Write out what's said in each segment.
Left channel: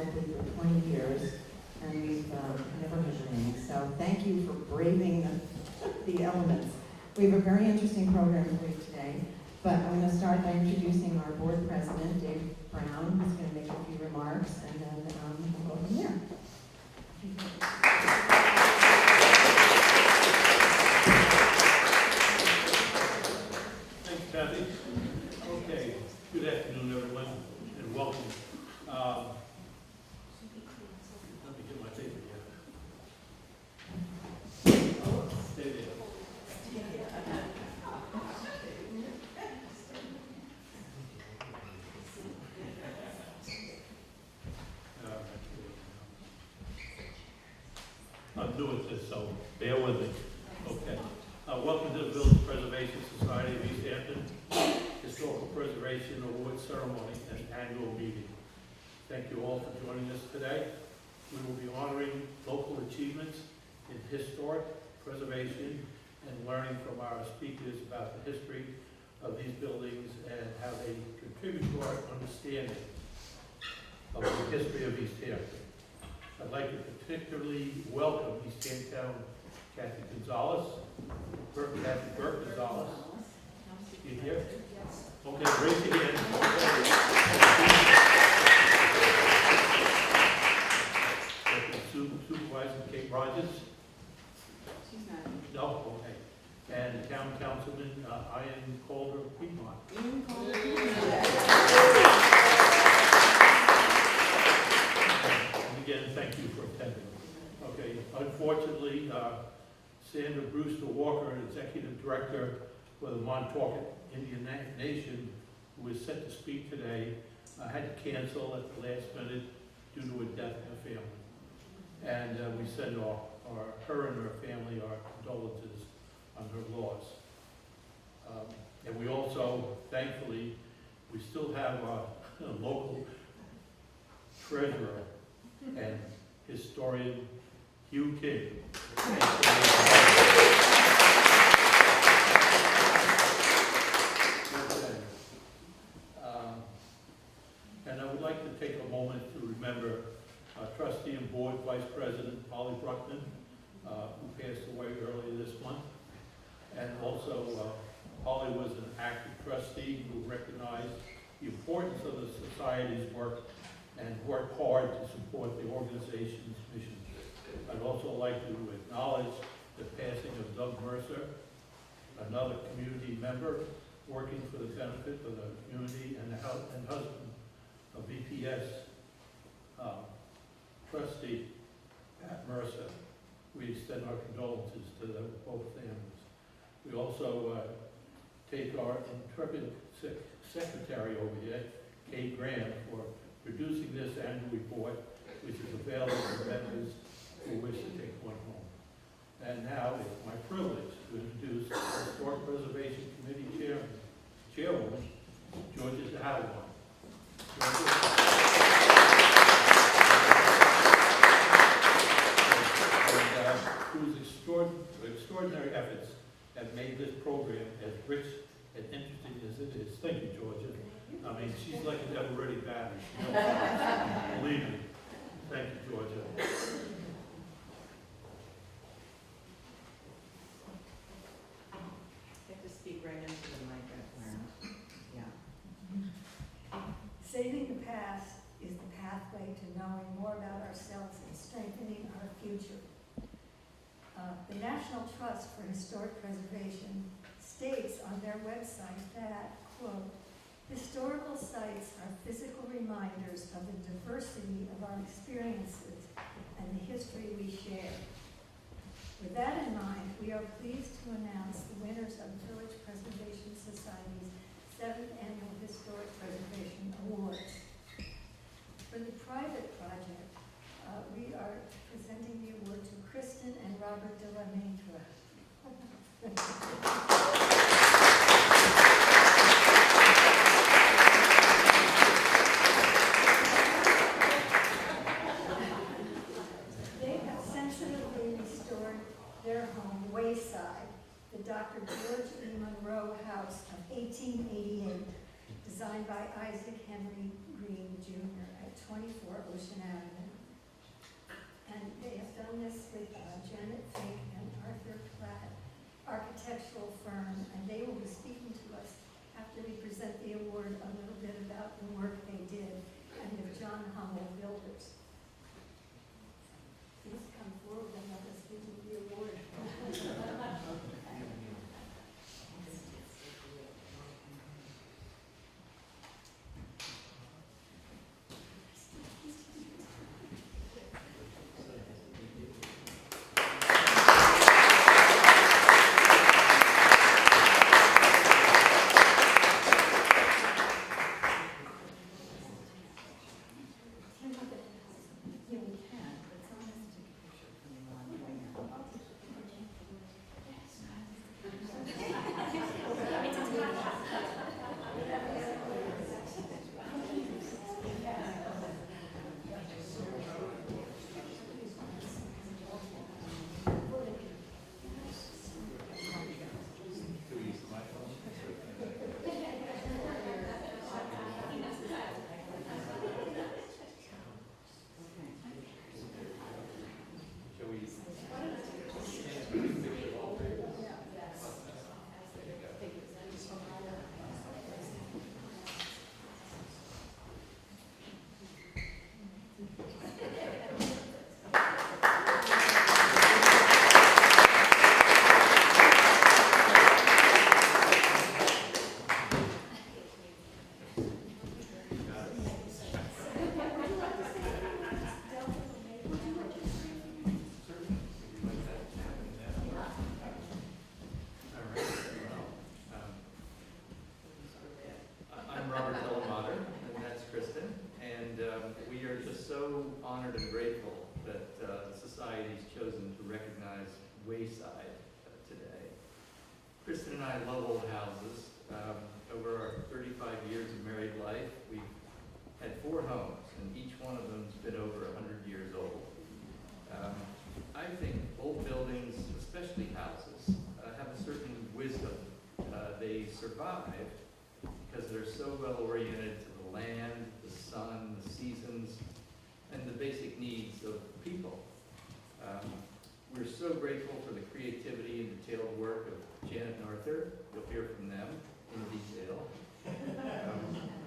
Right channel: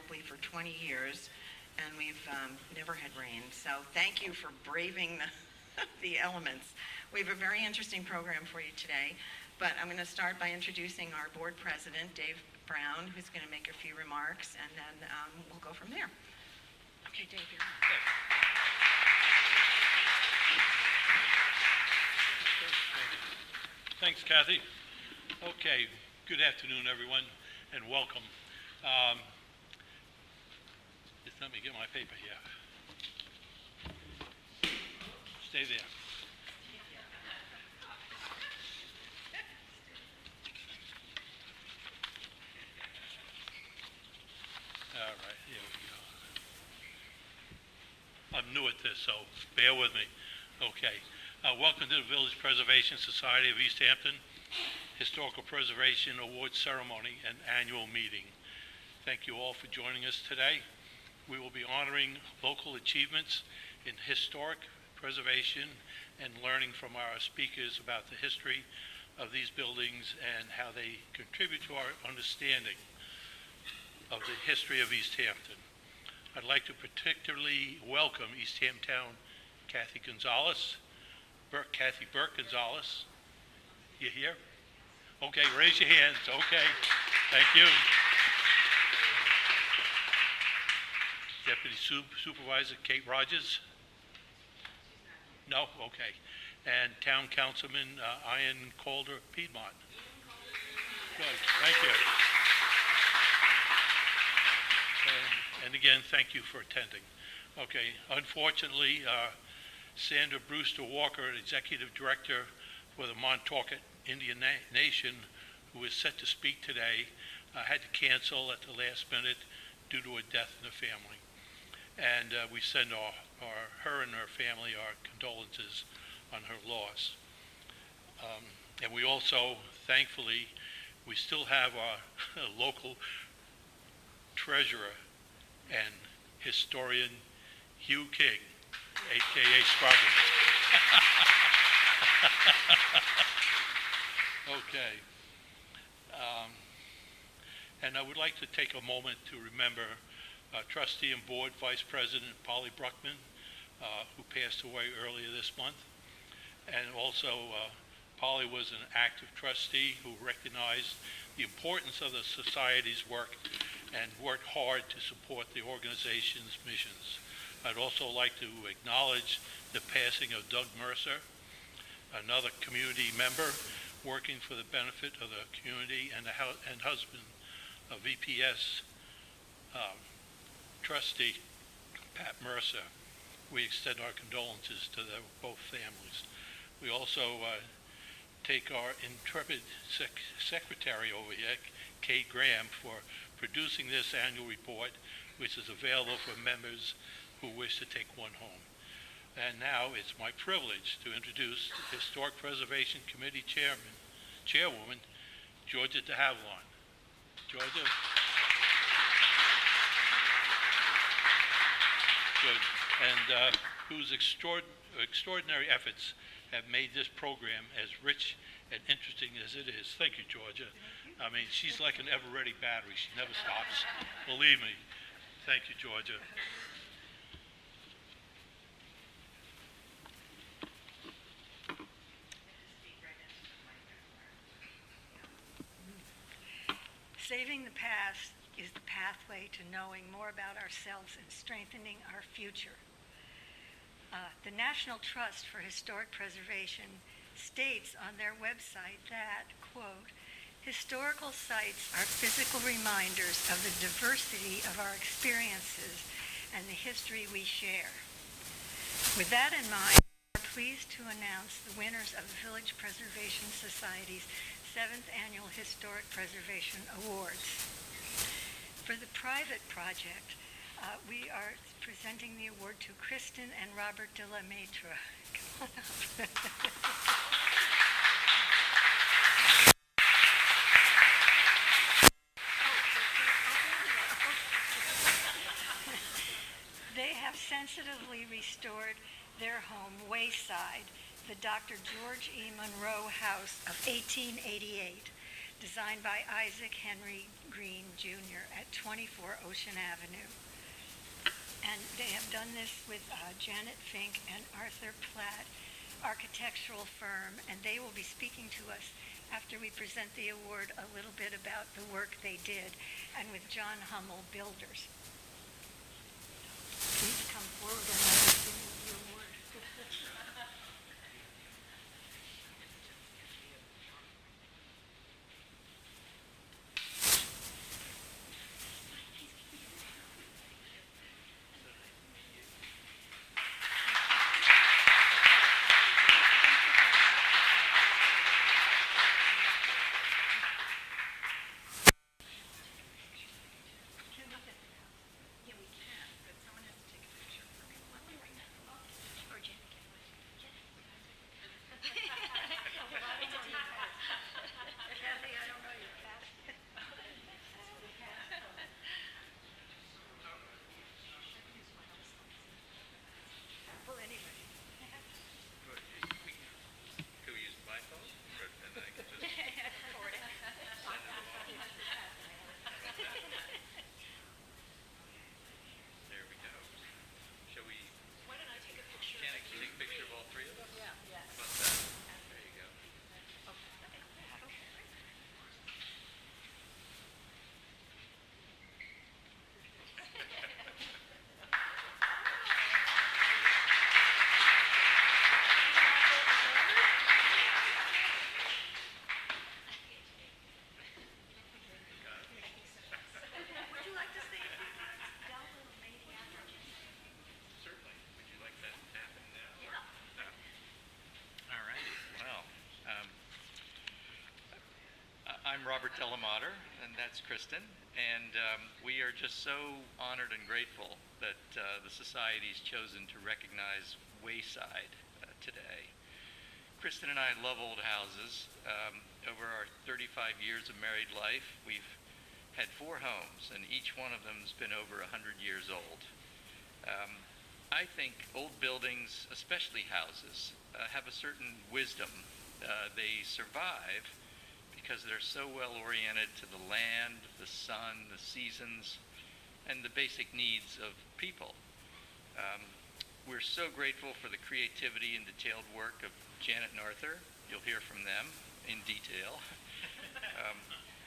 probably for 20 years, and we've never had rain. So thank you for braving the elements. We have a very interesting program for you today, but I'm going to start by introducing our board president, Dave Brown, who's going to make a few remarks, and then we'll go from there. Okay, Dave. Thanks, Kathy. Okay, good afternoon, everyone, and welcome. Let me get my paper here. Stay there. All right, here we go. I'm new at this, so bear with me. Okay. Welcome to the Village Preservation Society of East Hampton Historical Preservation Awards Ceremony and Annual Meeting. Thank you all for joining us today. We will be honoring local achievements in historic preservation and learning from our speakers about the history of these buildings and how they contribute to our understanding of the history of East Hampton. I'd like to particularly welcome East Hampton Kathy Gonzalez, Kathy Burke Gonzalez. You here? Okay, raise your hands. Okay, thank you. Deputy Supervisor Kate Rogers. No? Okay. And Town Councilman Ian Calder Piedmont. And again, thank you for attending. Okay, unfortunately, Sandra Brewster Walker, an Executive Director for the Montauk Indian Nation, who is set to speak today, had to cancel at the last minute due to a death in the family. And we send her and her family our condolences on her loss. And we also, thankfully, we still have our local treasurer and historian, Hugh King, a.k.a. Okay. And I would like to take a moment to remember trustee and board vice president Polly Bruckman, who passed away earlier this month. And also, Polly was an active trustee who recognized the importance of the society's work and worked hard to support the organization's missions. I'd also like to acknowledge the passing of Doug Mercer, another community member working for the benefit of the community and husband of VPS trustee Pat Mercer. We extend our condolences to both families. We also take our intrepid secretary over here, Kay Graham, for producing this annual report, which is available for members who wish to take one home. And now it's my privilege to introduce Historic Preservation Committee Chairwoman, Georgia de Havilland. Georgia. And whose extraordinary efforts have made this program as rich and interesting as it is. Thank you, Georgia. I mean, she's like an ever-ready battery. She never stops. Believe me. Thank you, Georgia. Saving the past is the pathway to knowing more about ourselves and strengthening our future. The National Trust for Historic Preservation states on their website that, quote, historical sites are physical reminders of the diversity of our experiences and the history we share. With that in mind, we are pleased to announce the winners of the Village Preservation Society's 7th Annual Historic Preservation Awards. For the private project, we are presenting the award to Kristen and Robert de la Maitre. Come on up. They have sensitively restored their home, Wayside, the Dr. George E. Monroe House of 1888, designed by Isaac Henry Green, Jr. at 24 Ocean Avenue. work they did, and with John Hummel Builders. Please come forward and receive the award. Kristen and I love old houses. Over our 35 years of married life, we've had 4 homes, and each one of them's been over 100 years old. I think old buildings, especially houses, have a certain wisdom. They survive because they're so well oriented to the land, the sun, the seasons, and the basic needs of people. We're so grateful for the creativity and detailed work of Janet and Arthur. You'll hear from them in detail.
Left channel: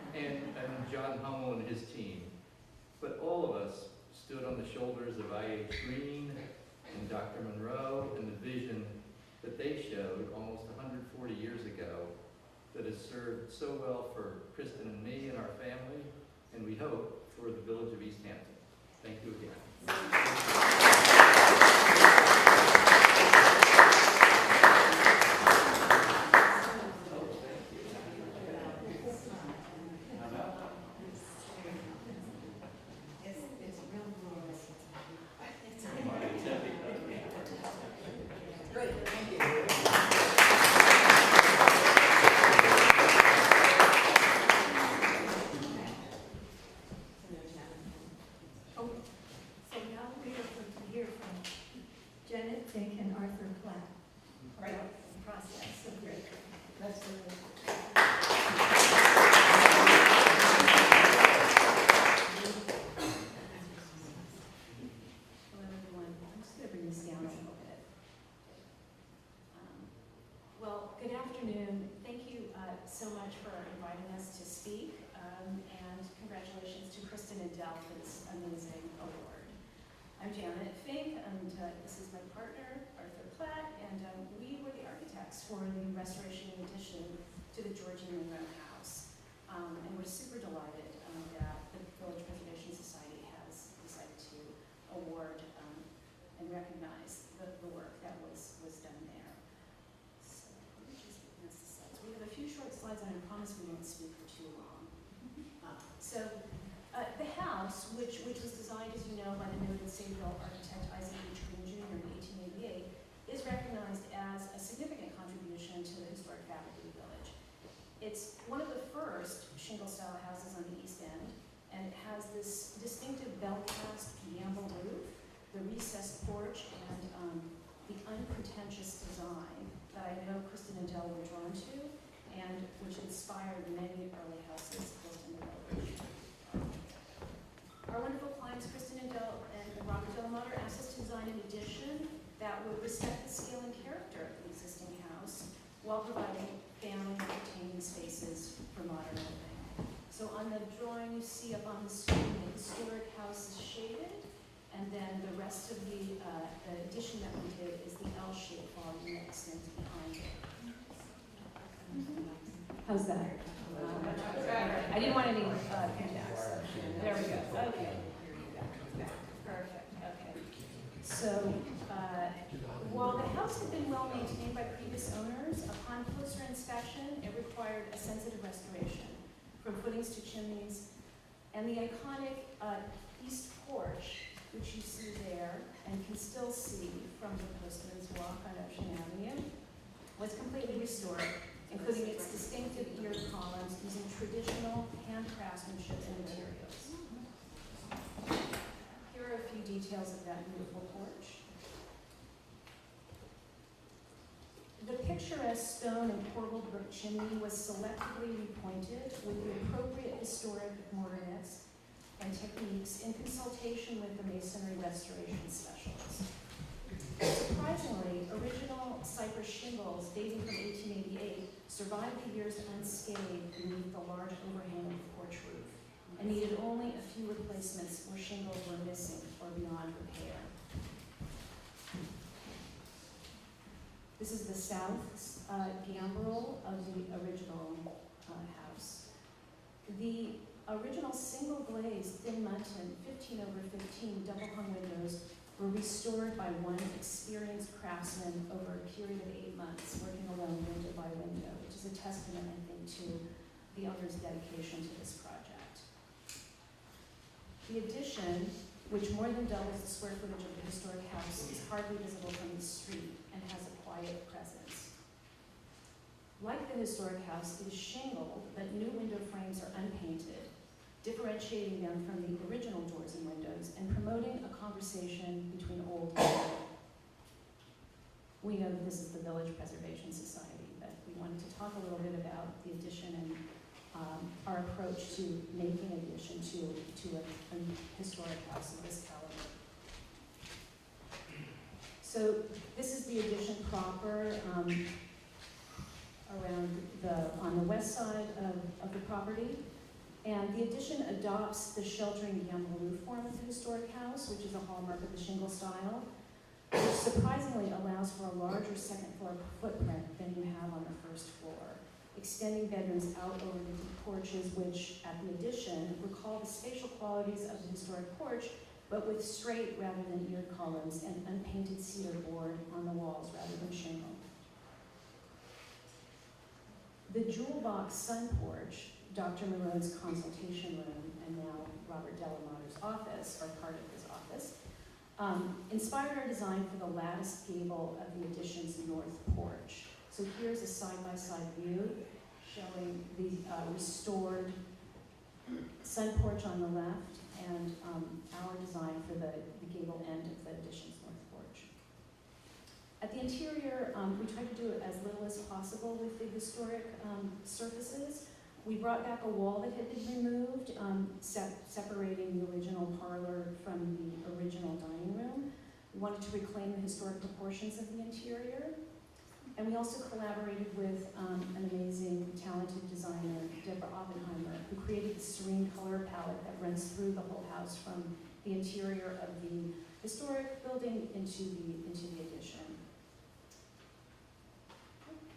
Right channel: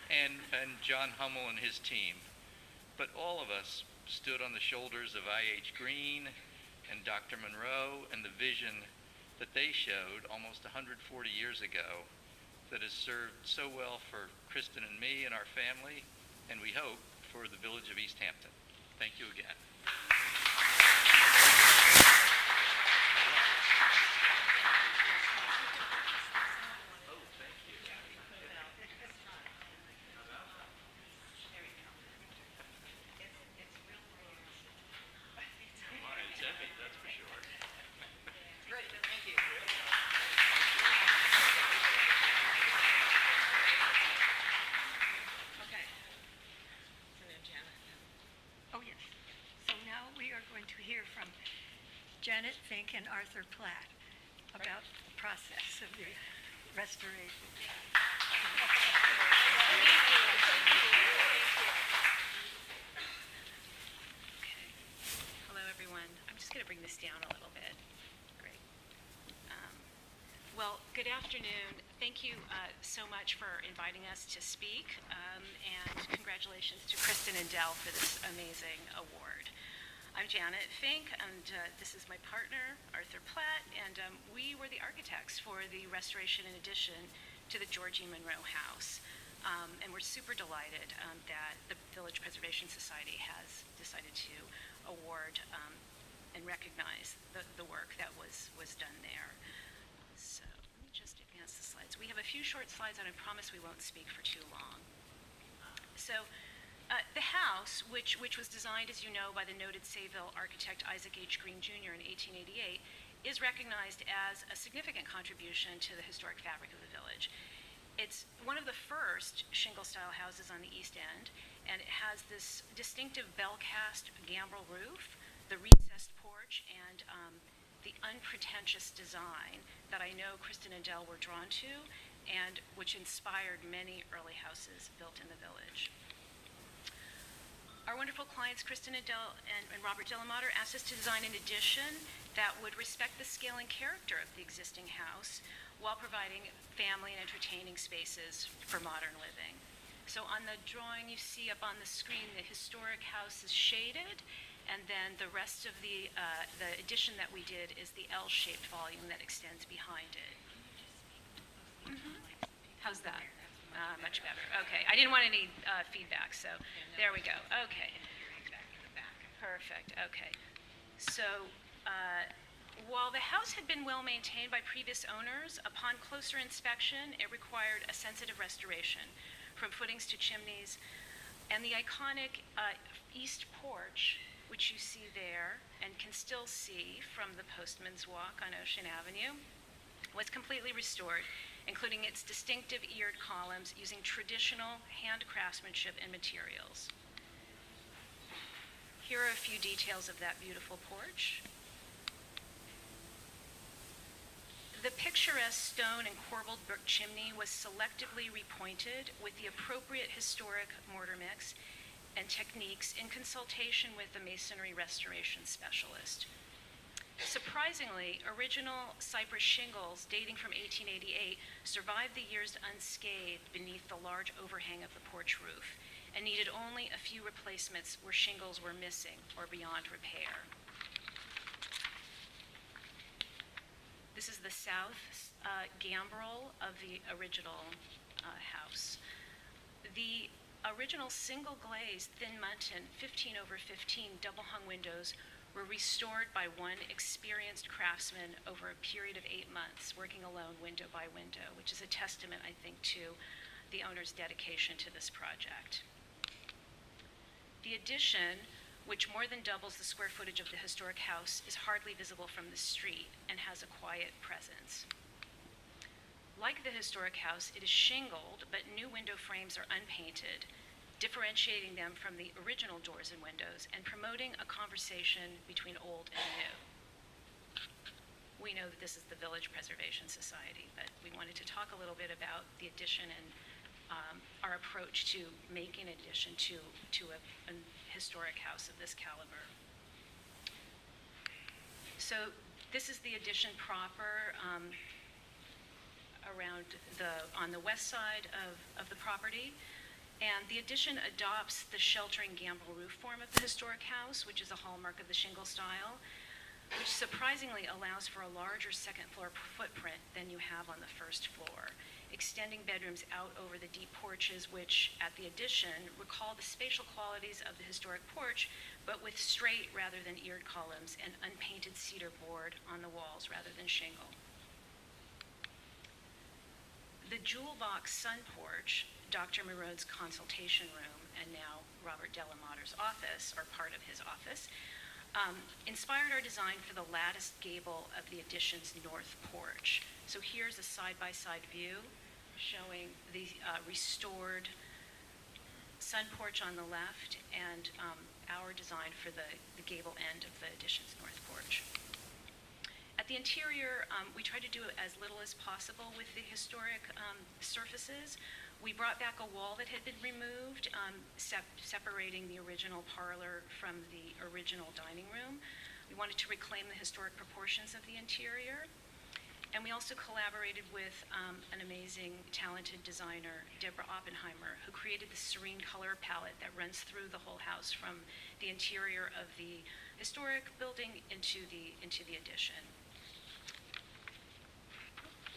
And John Hummel and his team. But all of us stood on the shoulders of I.H. Green and Dr. Monroe and the vision that they showed almost 140 years ago that has served so well for Kristen and me and our family, and we hope for the village of East Hampton. Thank you again. Janet Fink and Arthur Platt about the process of the restoration. Hello, everyone. I'm just going to bring this down a little bit. Great. Well, good afternoon. Thank you so much for inviting us to speak, and congratulations to Kristen and Dell for this amazing award. I'm Janet Fink, and this is my partner, Arthur Platt, and we were the architects for the restoration and addition to the George E. Monroe House. And we're super delighted that the Village Preservation Society has decided to award and recognize the work that was done there. So let me just advance the slides. We have a few short slides, and I promise we won't speak for too long. The house, which was designed, as you know, by the noted Sayville architect Isaac H. Green Jr. in 1888, is recognized as a significant contribution to the historic fabric of the village. It's one of the first shingle-style houses on the East End, and it has this distinctive bell-cast gambrel roof, the recessed porch, and the unpretentious design that I know Kristen and Dell were drawn to, and which inspired many early houses built in the village. Our wonderful clients, Kristen and Dell and Robert Delamater, asked us to design an addition that would respect the scale and character of the existing house while providing family and entertaining spaces for modern living. So on on the drawing you see up on the screen, the historic house is shaded, and then the rest of the addition that we did is the L-shaped volume that extends behind it. How's that? Much better. Okay. I didn't want any feedback, so there we go. Okay. Perfect. Okay. So, while the house had been well maintained by previous owners, upon closer inspection, it required a sensitive restoration, from footings to chimneys, and the iconic east porch, which you see there and can still see from the Postman's Walk on Ocean Avenue, was completely restored, including its distinctive eared columns using traditional hand craftsmanship and materials. Here are a few details of that beautiful porch. The picturesque stone and corbelled brick chimney was selectively repointed with the appropriate historic mortar mix and techniques in consultation with the masonry restoration specialist. Surprisingly, original cypress shingles dating from 1888 survived the years unscathed beneath the large overhang of the porch roof and needed only a few replacements where shingles were missing or beyond repair. This is the south gambrel of the original house. The original single glazed thin muntin 15 over 15 double hung windows were restored by one experienced craftsman over a period of 8 months, working alone window by window, which is a testament, I think, to the owner's dedication to this project. The addition, which more than doubles the square footage of the historic house, is hardly visible from the street and has a quiet presence. Like the historic house, it is shingled, but new window frames are unpainted, differentiating them from the original doors and windows and promoting a conversation between old and new. We know that this is the Village Preservation Society, but we wanted to talk a little bit about the addition and our approach to make an addition to a historic house of this caliber. So this is the addition proper on the west side of the property. And the addition adopts the sheltering gambrel roof form of the historic house, which is a hallmark of the shingle style, which surprisingly allows for a larger second floor footprint than you have on the first floor, extending bedrooms out over the deep porches, which at the addition recall the spatial qualities of the historic porch, but with straight rather than eared columns and unpainted cedar board on the walls rather than shingle. The jewel box sun porch, Dr. Marone's consultation room, and now Robert Delamater's office, or part of his office, inspired our design for the latticed gable of the addition's north porch. So here's a side-by-side view showing the restored sun porch on the left and our design for the gable end of the addition's north porch. At the interior, we tried to do as little as possible with the historic surfaces. We brought back a wall that had been removed, separating the original parlor from the original dining room. We wanted to reclaim the historic proportions of the interior. And we also collaborated with an amazing, talented designer, Deborah Oppenheimer, who created the serene color palette that runs through the whole house from the interior of the historic building into the addition.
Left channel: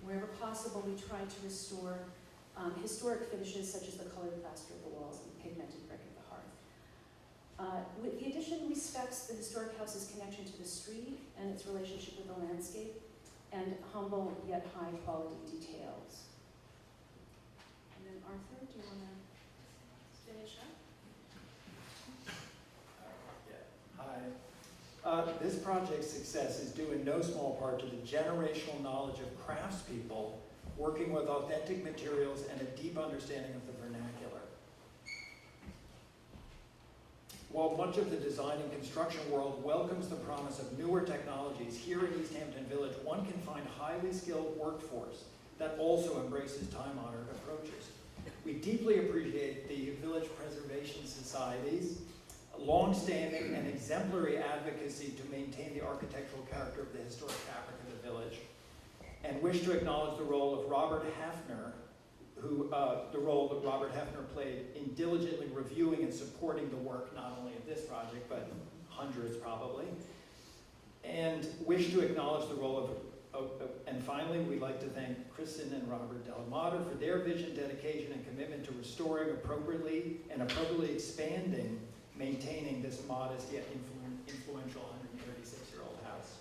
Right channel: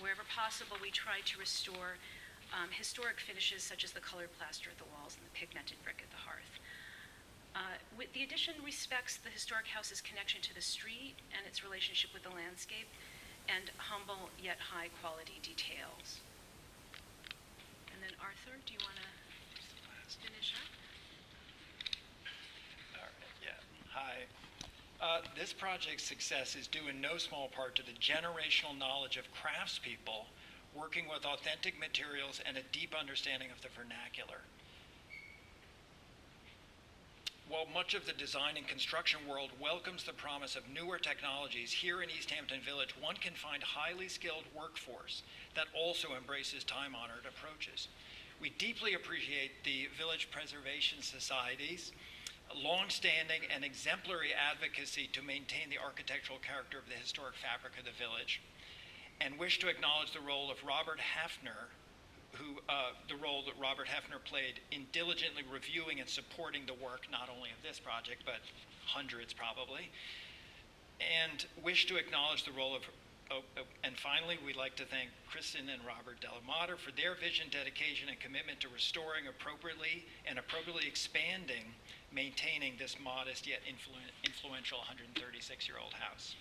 Wherever possible, we tried to restore historic finishes such as the colored plaster at the walls and the pigmented brick at the hearth. With the addition respects the historic house's connection to the street and its relationship with the landscape and humble yet high quality details. And then Arthur, do you want to finish up? Hi. This project's success is due in no small part to the generational knowledge of craftspeople working with authentic materials and a deep understanding of the vernacular. While much of the design and construction world welcomes the promise of newer technologies, here in East Hampton Village, one can find a highly skilled workforce that also embraces time-honored approaches. We deeply appreciate the Village Preservation Society's long-standing and exemplary advocacy to maintain the architectural character of the historic fabric of the village, and wish to acknowledge the role of Robert Hafner, the role that Robert Hefner played in diligently reviewing and supporting the work, not only of this project, but hundreds probably. And wish to acknowledge the role and finally, we'd like to thank Kristen and Robert Delamater for their vision, dedication, and commitment to restoring appropriately expanding, maintaining this modest yet influential 136-year-old house.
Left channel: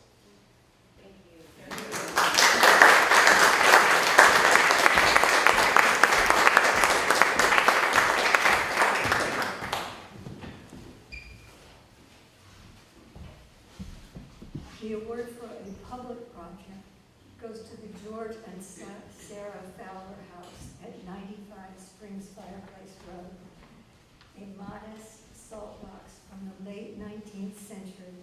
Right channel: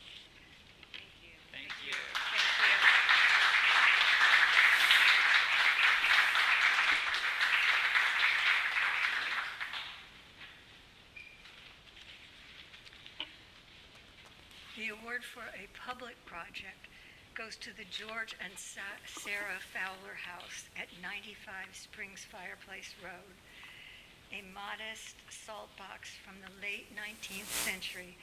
Thank you. Thank you. The award for a public project goes to the George and Sarah Fowler House at 95 Springs Fireplace Road, a modest salt box from the late 19th century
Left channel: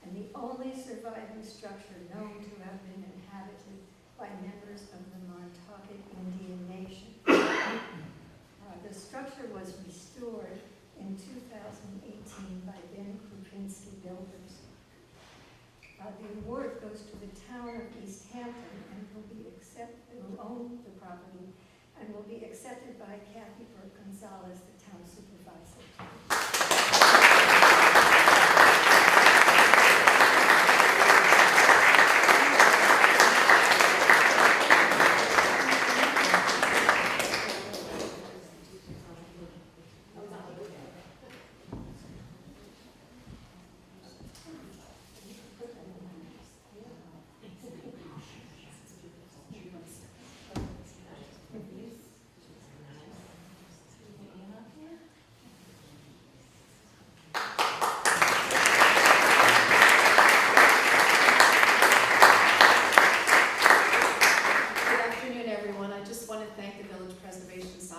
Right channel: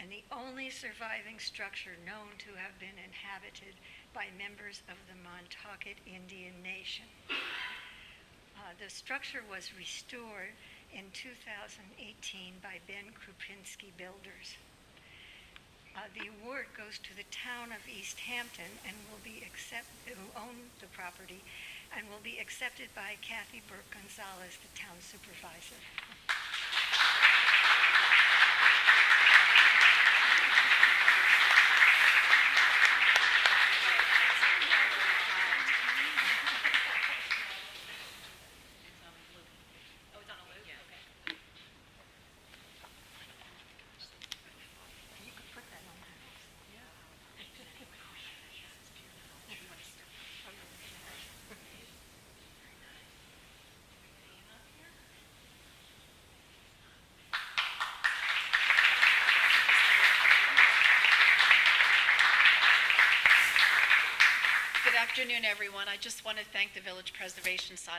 and the only surviving structure known to have been inhabited by members of the Montaukett Indian Nation. The structure was restored in 2018 by Ben Krupinski Builders. The award goes to the town of East Hampton and will be who owned the property, and will be accepted by Kathy Burke Gonzalez, the town supervisor.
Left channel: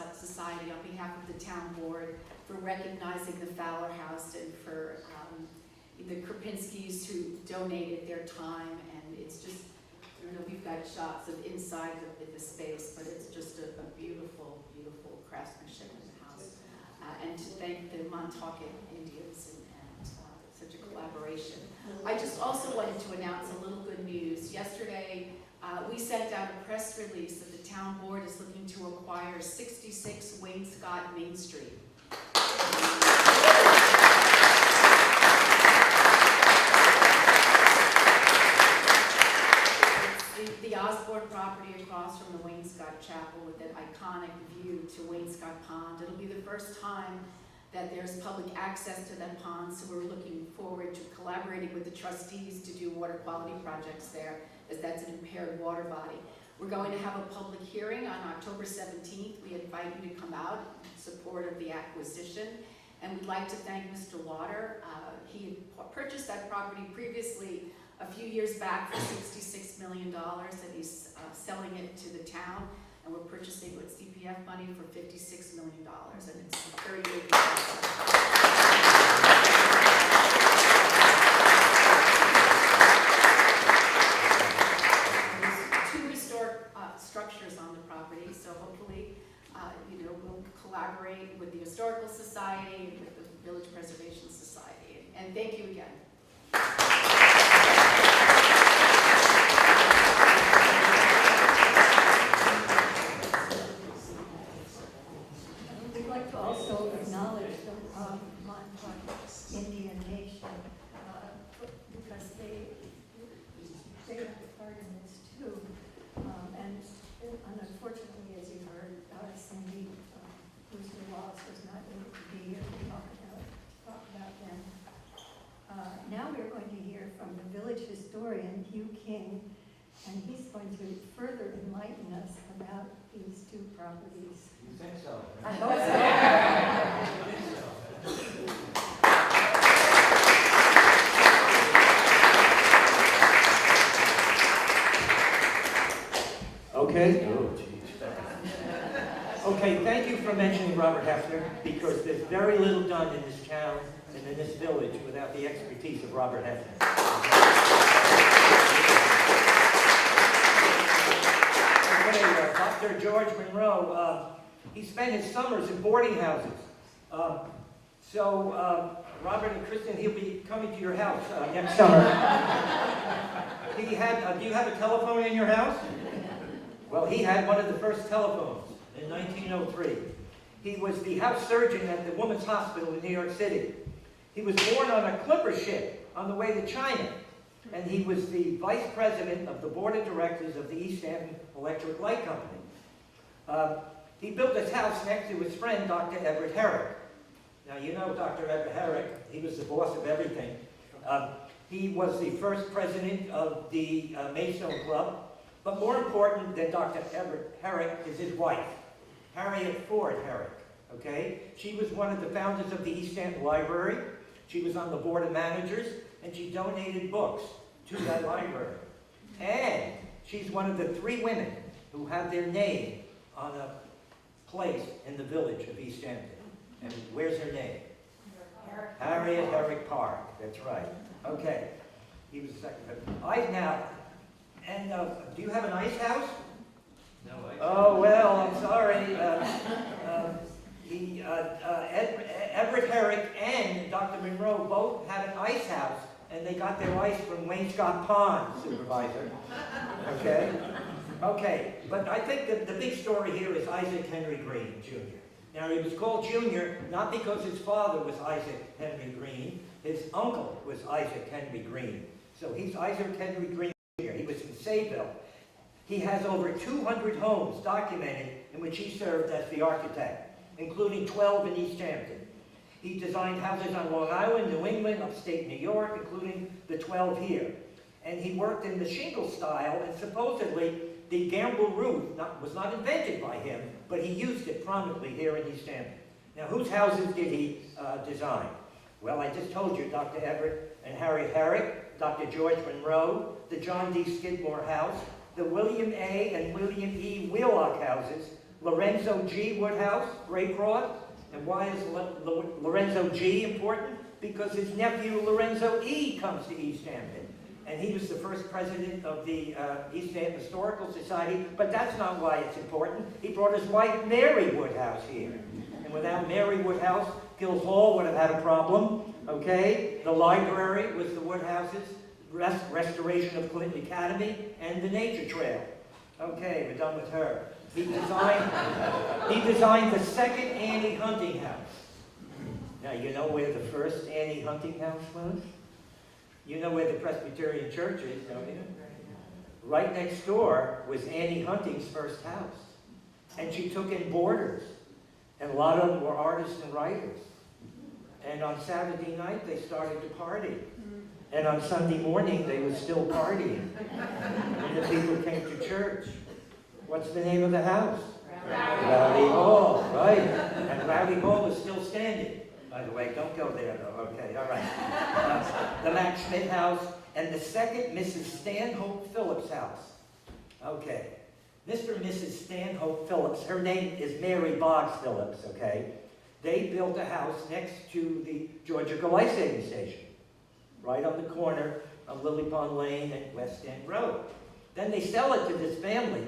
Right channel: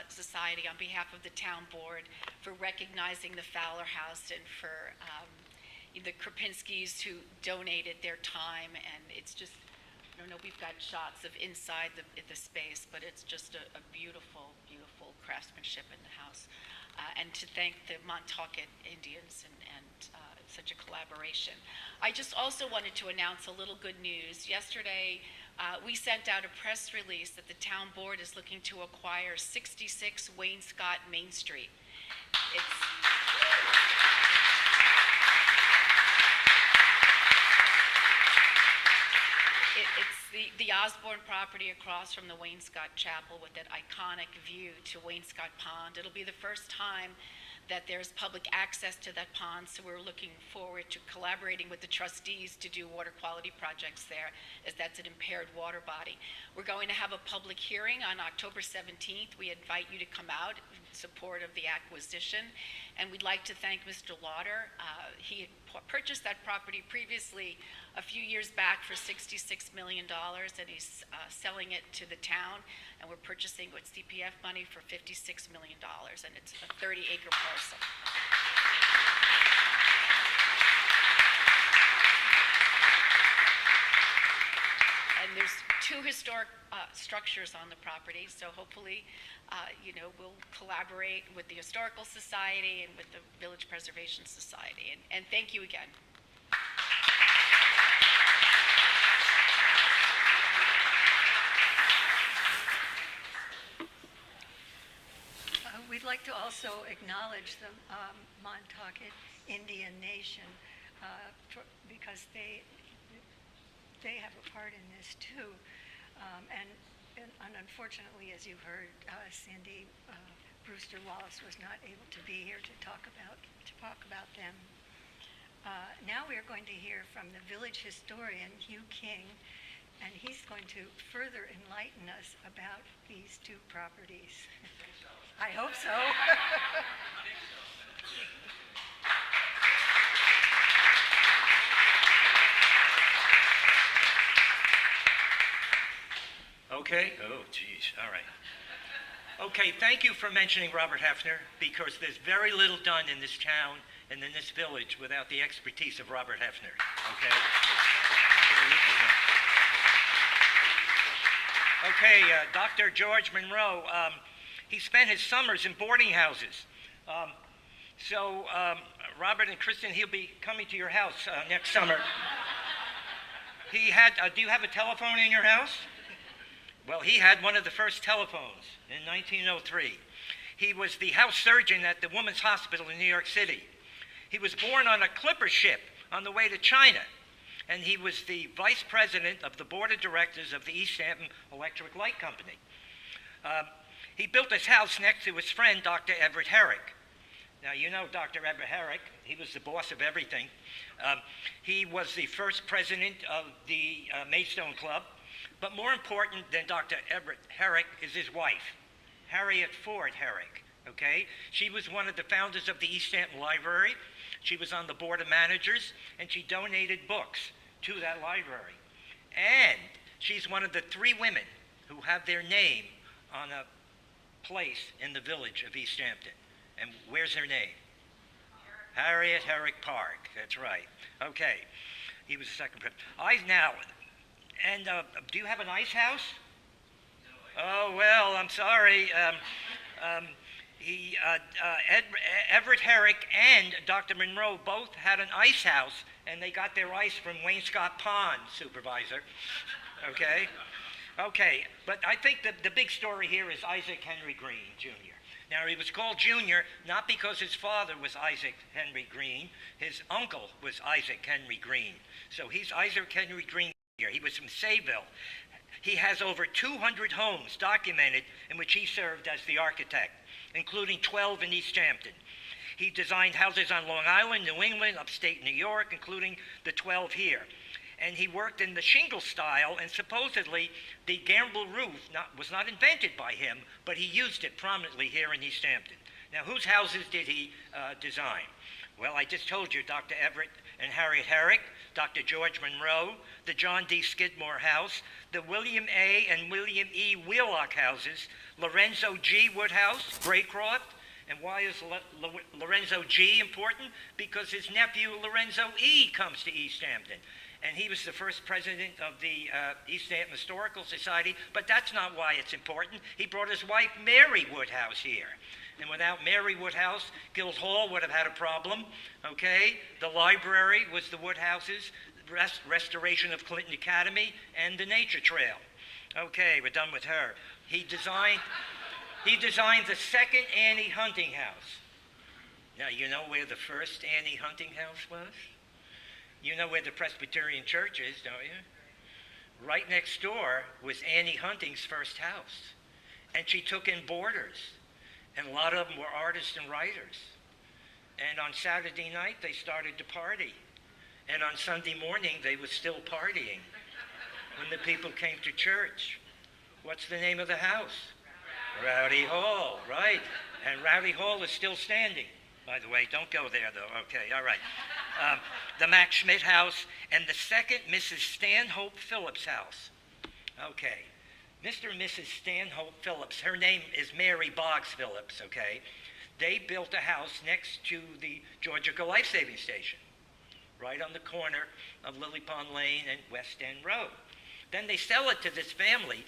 Society on behalf of the town board for recognizing the Fowler House and for the Krupinskis who donated their time. And it's just, I don't know, we've got shots of inside the space, but it's just a beautiful, beautiful craftsmanship in the house. And to thank the Montaukett Indians and such a collaboration. I just also wanted to announce a little good news. Yesterday, we sent out a press release that the town board is looking to acquire 66 Wainscott Main Street. It's the Osborne property across from the Wainscott Chapel with that iconic view to Wainscott Pond. It'll be the first time that there's public access to that pond, so we're looking forward to collaborating with the trustees to do water quality projects there, as that's an impaired water body. We're going to have a public hearing on October 17th. We invite you to come out in support of the acquisition. And we'd like to thank Mr. Lauder. He purchased that property previously a few years back for $66 million, and he's selling it to the town. And we're purchasing with CPF money for $56 million, and it's a 30-acre parcel. And there's 2 historic structures on the property, so hopefully, we'll collaborate with the Historical Society and with the Village Preservation Society. And thank you again. We'd like to also acknowledge the Montaukett Indian Nation because they have a part in this too. And unfortunately, as you heard, Cindy Brewster Wallace was not able to be here to talk about them. Now we are going to hear from the village historian, Hugh King, and he's going to further enlighten us about these 2 properties. You think so? I hope so. Okay. Oh, geez, all right. Okay, thank you for mentioning Robert Hefner, because there's very little done in this town and in this village without the expertise of Robert Hefner. Okay, Dr. George Monroe, he spent his summers in boarding houses. So Robert and Kristen, he'll be coming to your house next summer. He had, do you have a telephone in your house? Well, he had one of the first telephones in 1903. He was the house surgeon at the Women's Hospital in New York City. He was born on a clipper ship on the way to China, and he was the vice president of the board of directors of the East Hampton Electric Light Company. He built his house next to his friend, Dr. Everett Herrick. Now, you know Dr. Everett Herrick. He was the boss of everything. He was the first president of the Maidstone Club, but more important than Dr. Everett Herrick is his wife, Harriet Ford Herrick, okay? She was one of the founders of the East Hampton Library. She was on the board of managers, and she donated books to that library. And she's one of the 3 women who have their name on a place in the village of East Hampton. And where's her name? Harriet Herrick Park, that's right. Okay, he was the second president. Do you have an ice house? No. Oh, well, I'm sorry. Everett Herrick and Dr. Monroe both had an ice house, and they got their ice from Wainscott Pond, supervisor. Okay? Okay, but I think that the big story here is Isaac Henry Green, Jr. Now, he was called Junior not because his father was Isaac Henry Green. His uncle was Isaac Henry Green. So he's Isaac Henry Green Jr. He was from Sayville. He has over 200 homes documented in which he served as the architect, including 12 in East Hampton. He designed houses on Long Island, New England, upstate New York, including the 12 here. And he worked in the shingle style, and supposedly the gambrel roof was not invented by him, but he used it prominently here in East Hampton. Now, whose houses did he design? Well, I just told you, Dr. Everett and Harriet Herrick, Dr. George Monroe, the John D. Skidmore House, the William A. and William E. Wheelock houses, Lorenzo G. Woodhouse, Graycroft. And why is Lorenzo G. important? Because his nephew Lorenzo E. comes to East Hampton. And he was the first president of the East Hampton Historical Society, but that's not why it's important. He brought his wife, Mary Woodhouse, here. And without Mary Woodhouse, Guildhall would have had a problem, okay? The library was the Woodhouses, restoration of Clinton Academy, and the nature trail. Okay, we're done with her. He designed the second Annie Hunting House. Now, you know where the first Annie Hunting House was? You know where the Presbyterian Church is, don't you? Right next door was Annie Hunting's first house. And she took in boarders. And a lot of them were artists and writers. And on Saturday night, they started to party. And on Sunday morning, they were still partying. And the people came to church. What's the name of the house? Rowdy Hall, right? And Rowdy Hall is still standing. By the way, don't go there, though. Okay, all right. The Max Schmidt House and the second Mrs. Stanhope Phillips house. Okay. Mr. and Mrs. Stanhope Phillips, her name is Mary Boggs Phillips, okay? They built a house next to the Georgia Life Saving Station, right on the corner of Lily Pond Lane and West End Road. Then they sell it to this family,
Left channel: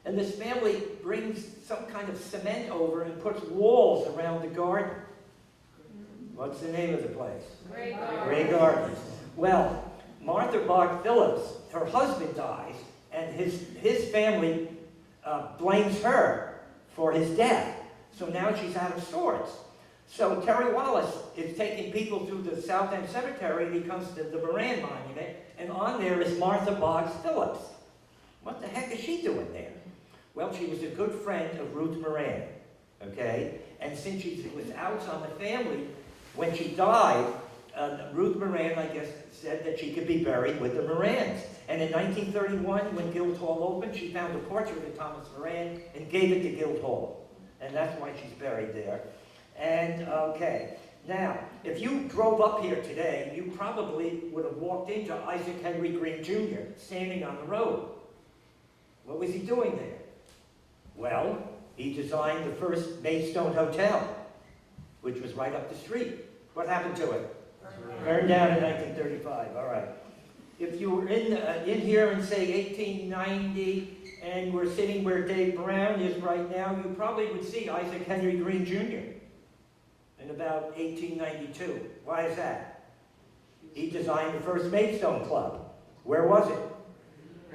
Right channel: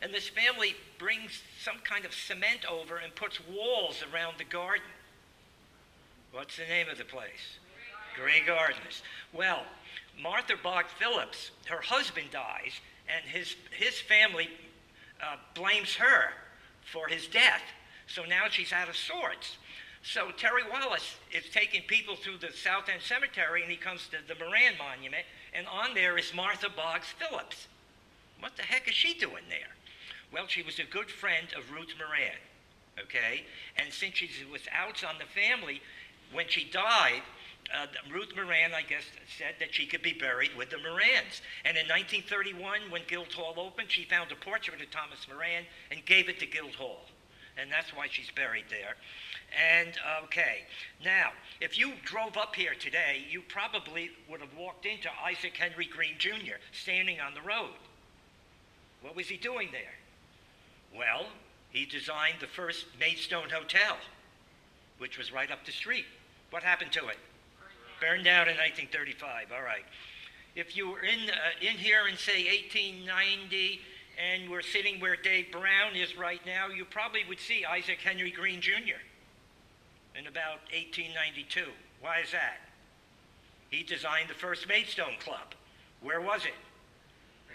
and this family brings some kind of cement over and puts walls around the garden. What's the name of the place? Grey Gardens. Well, Martha Boggs Phillips, her husband dies, and his family blames her for his death. So now she's out of sorts. So Terry Wallace is taking people through the South End Cemetery, and he comes to the Moran Monument, and on there is Martha Boggs Phillips. What the heck is she doing there? Well, she was a good friend of Ruth Moran, okay? And since she was out on the family, when she died, Ruth Moran, I guess, said that she could be buried with the Morans. And in 1931, when Guildhall opened, she found a portrait of Thomas Moran and gave it to Guildhall. And that's why she's buried there. And, okay, now, if you drove up here today, you probably would have walked into Isaac Henry Green Jr. standing on the road. What was he doing there? Well, he designed the first Maidstone Hotel, which was right up the street. What happened to it? Burned down in 1935, all right. If you were in here in, say, 1890, and were sitting where Dave Brown is right now, you probably would see Isaac Henry Green Jr. in about 1892. Why is that? He designed the first Maidstone Club. Where was it?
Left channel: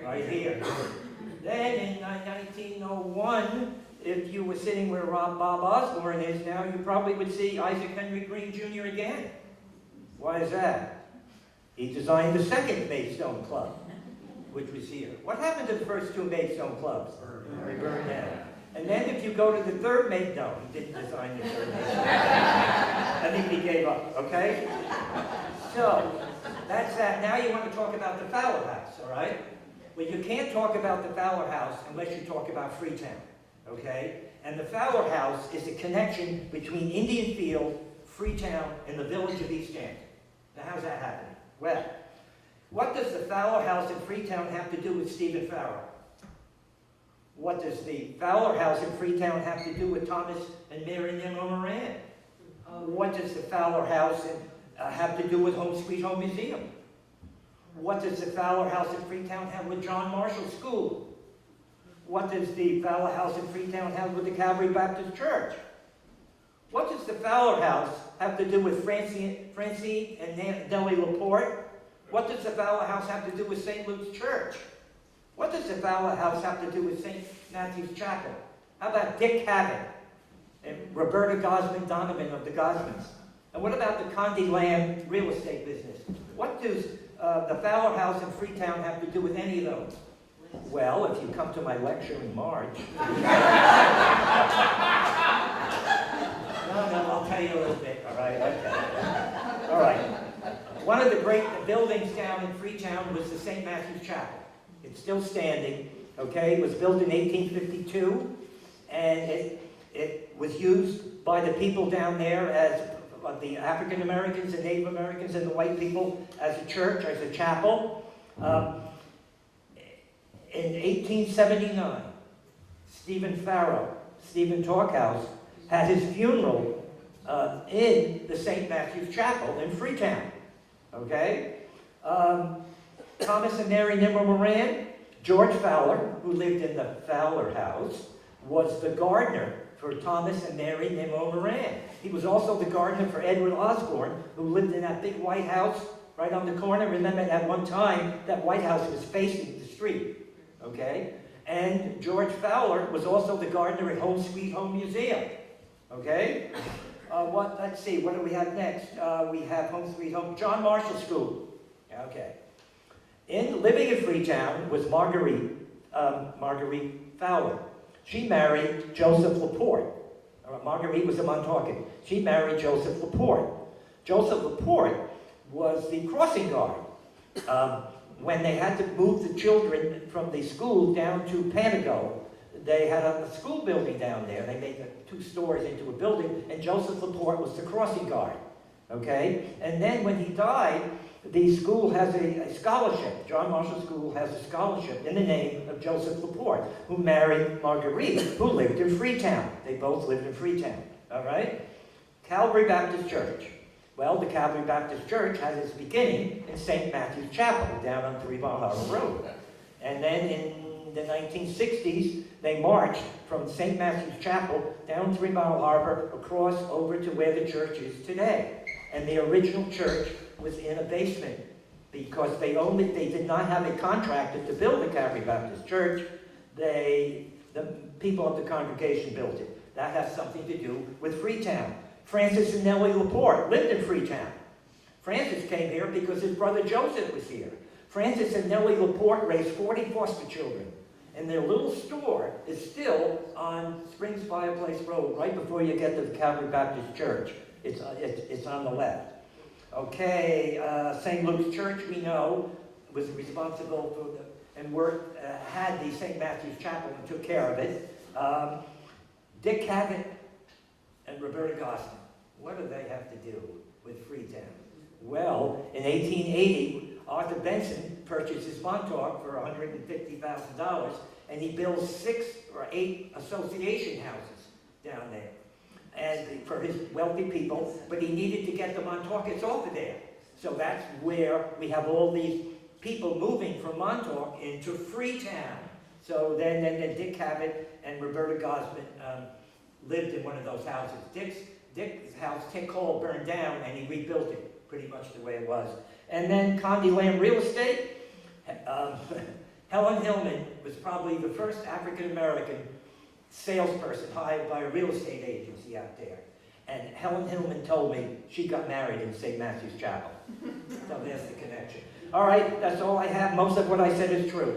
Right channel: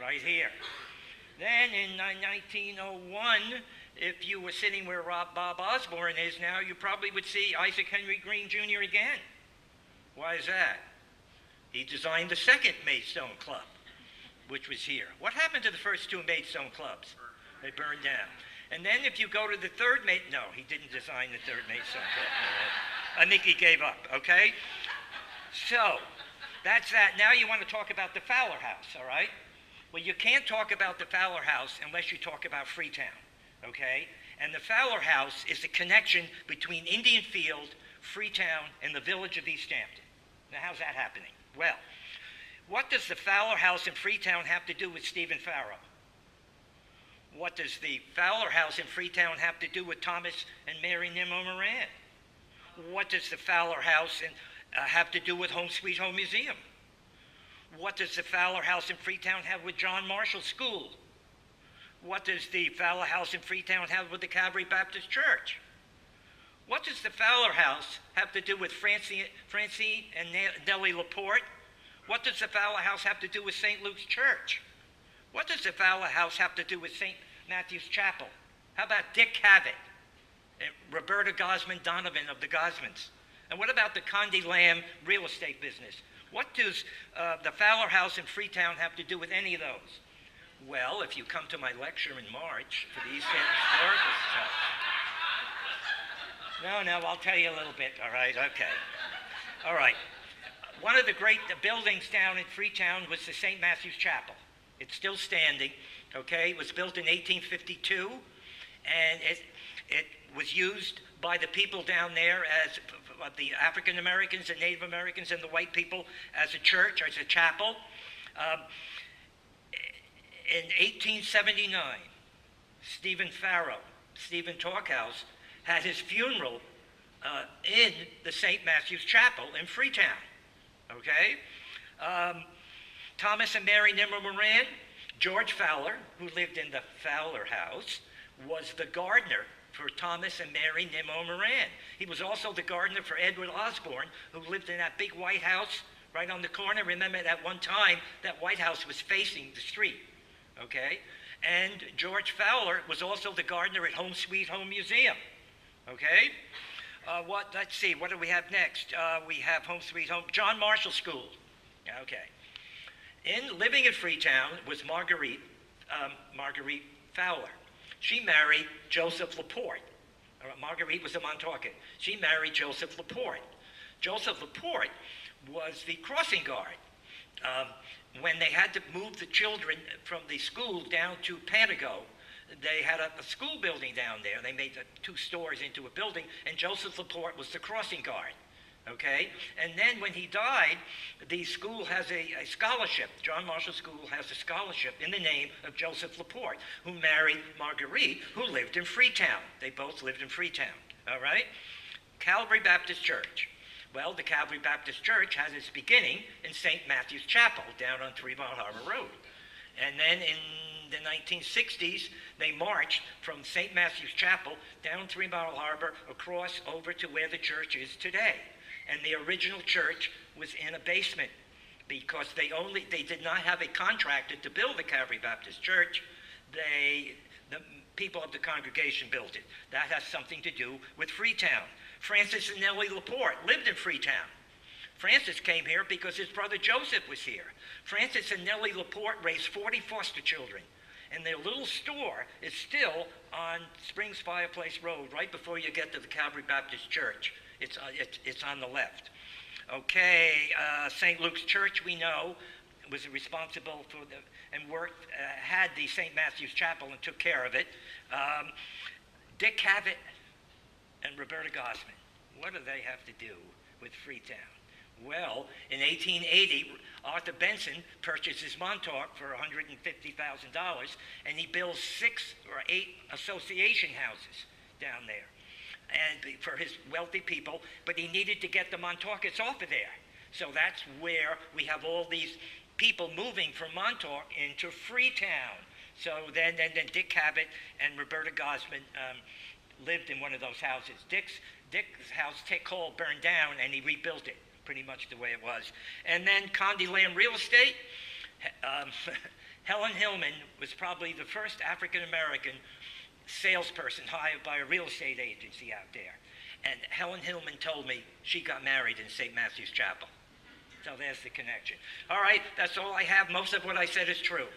Right here. Then in 1901, if you were sitting where Bob Osborne is now, you probably would see Isaac Henry Green Jr. again. Why is that? He designed the second Maidstone Club, which was here. What happened to the first two Maidstone clubs? They burned down. And then if you go to the third no, he didn't design the third Maidstone. I think he gave up, okay? So, that's that. Now you want to talk about the Fowler House, all right? Well, you can't talk about the Fowler House unless you talk about Freetown, okay? And the Fowler House is a connection between Indian Field, Freetown, and the village of East Hampton. Now, how's that happening? Well, what does the Fowler House in Freetown have to do with Stephen Farrow? What does the Fowler House in Freetown have to do with Thomas and Mary Nimmo Moran? What does the Fowler House have to do with Home Sweet Home Museum? What does the Fowler House in Freetown have with John Marshall School? What does the Fowler House in Freetown have with the Calvary Baptist Church? What does the Fowler House have to do with Francine and Nellie Laporte? What does the Fowler House have to do with St. Luke's Church? What does the Fowler House have to do with St. Matthew's Chapel? How about Dick Cavett and Roberta Gosman Donovan of the Gosmans? And what about the Condé Lamb real estate business? What does the Fowler House in Freetown have to do with any of those? Well, if you come to my lecture in March... No, I'll tell you a little bit, all right? Okay. All right. One of the great buildings down in Freetown was the St. Matthew's Chapel. It's still standing, okay? It was built in 1852, and it was used by the people down there as the African Americans and Native Americans and the white people as a church, as a chapel. In 1879, Stephen Farrow, Stephen Talkhouse, had his funeral in the St. Matthew's Chapel in Freetown, okay? Thomas and Mary Nimmo Moran, George Fowler, who lived in the Fowler House, was the gardener for Thomas and Mary Nimmo Moran. He was also the gardener for Edward Osborne, who lived in that big White House right on the corner. Remember, at one time, that White House was facing the street, okay? And George Fowler was also the gardener at Home Sweet Home Museum, okay? Let's see, what do we have next? We have Home Sweet Home, John Marshall School, okay. Living in Freetown was Marguerite Fowler. She married Joseph Laporte. Marguerite was a Montauk. She married Joseph Laporte. Joseph Laporte was the crossing guard. When they had to move the children from the school down to Panago, they had a school building down there. They made the 2 stores into a building, and Joseph Laporte was the crossing guard. Okay? And then when he died, the school has a scholarship. John Marshall School has a scholarship in the name of Joseph Laporte, who married Marguerite, who lived in Freetown. They both lived in Freetown. All right? Calvary Baptist Church. Well, the Calvary Baptist Church had its beginning in St. Matthew's Chapel down on Trevon Harbor Road. And then in the 1960s, they marched from St. Matthew's Chapel down Trevon Harbor across over to where the church is today. And the original church was in a basement because they did not have a contractor to build the Calvary Baptist Church. The people of the congregation built it. That has something to do with Freetown. Francis and Nellie Laporte lived in Freetown. Francis came here because his brother Joseph was here. Francis and Nellie Laporte raised 40 foster children. And their little store is still on Springs Fireplace Road, right before you get to the Calvary Baptist Church. It's on the left. Okay, St. Luke's Church, we know, was responsible for had the St. Matthew's Chapel and took care of it. Dick Cavett and Roberta Gosman, what do they have to do with Freetown? Well, in 1880, Arthur Benson purchases Montauk for $150,000, and he builds 6 or 8 association houses down there, and for his wealthy people. But he needed to get the Montaukets off of there, so that's where we have all these people moving from Montauk into Freetown. So then Dick Cavett and Roberta Gosman lived in one of those houses. Dick's house, Tick Hall, burned down, and he rebuilt it pretty much the way it was. And then Condé Lamb Real Estate. Helen Hillman was probably the first African-American salesperson hired by a real estate agency out there. And Helen Hillman told me she got married in St. Matthew's Chapel. So there's the connection. All right, that's all I have. Most of what I said is true.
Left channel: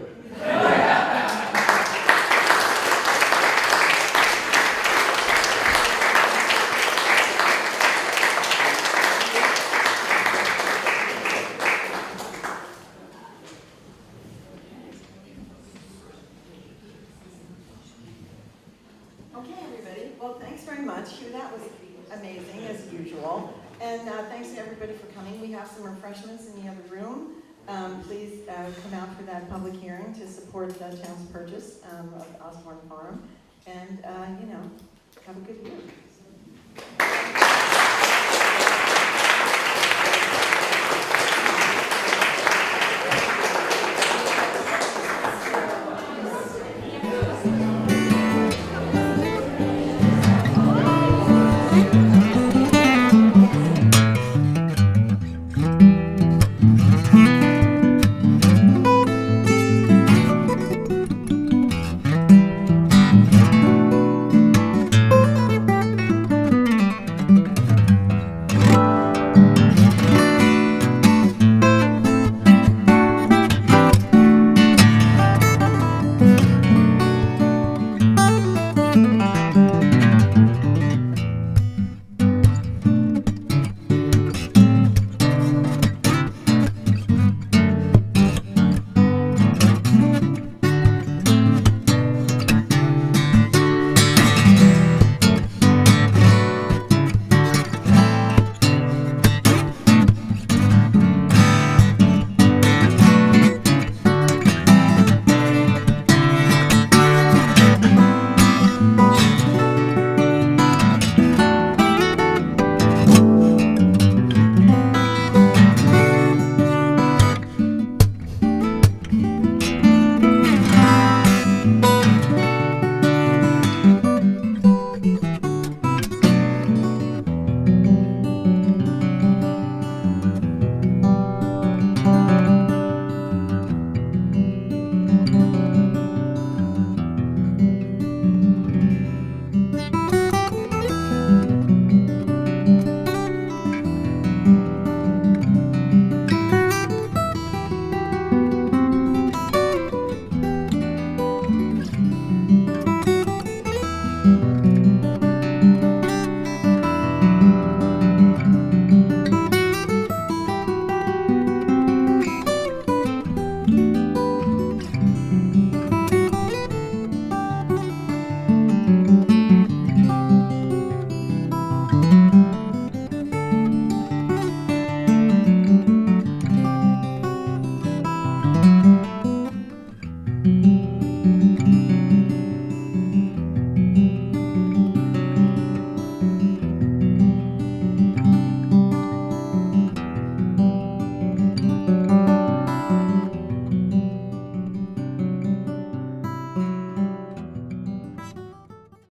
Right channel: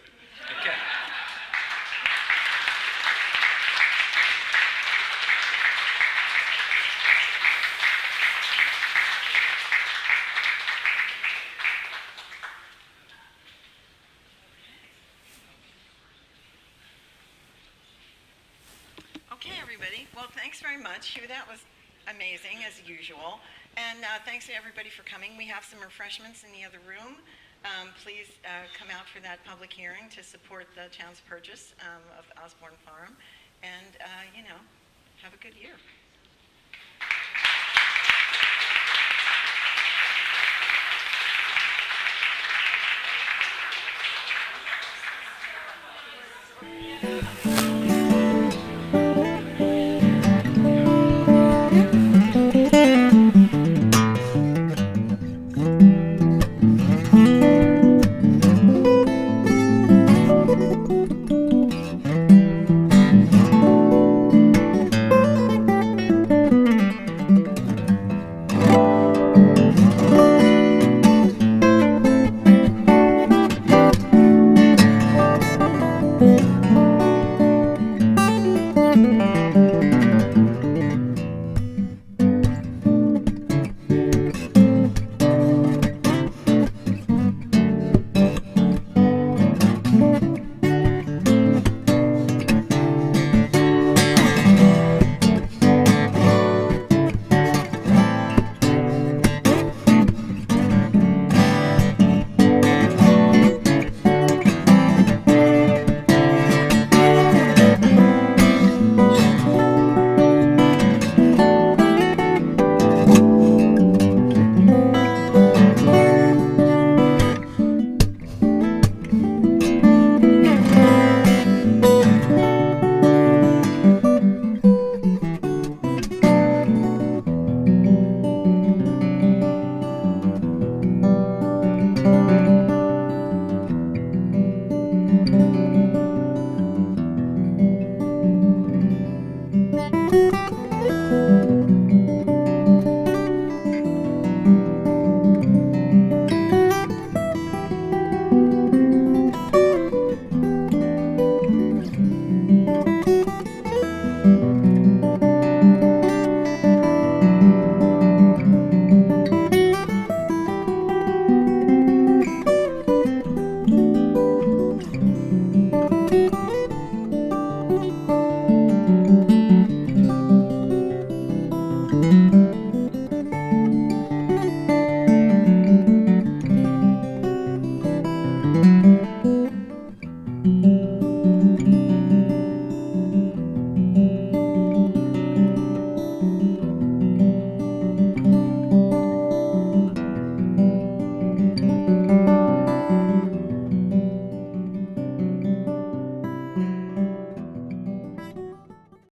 Okay, everybody. Well, thanks very much. That was amazing, as usual. And thanks to everybody for coming. We have some refreshments in the other room. Please come out for that public hearing to support the town's purchase of Osborne Farm. And, have a good year.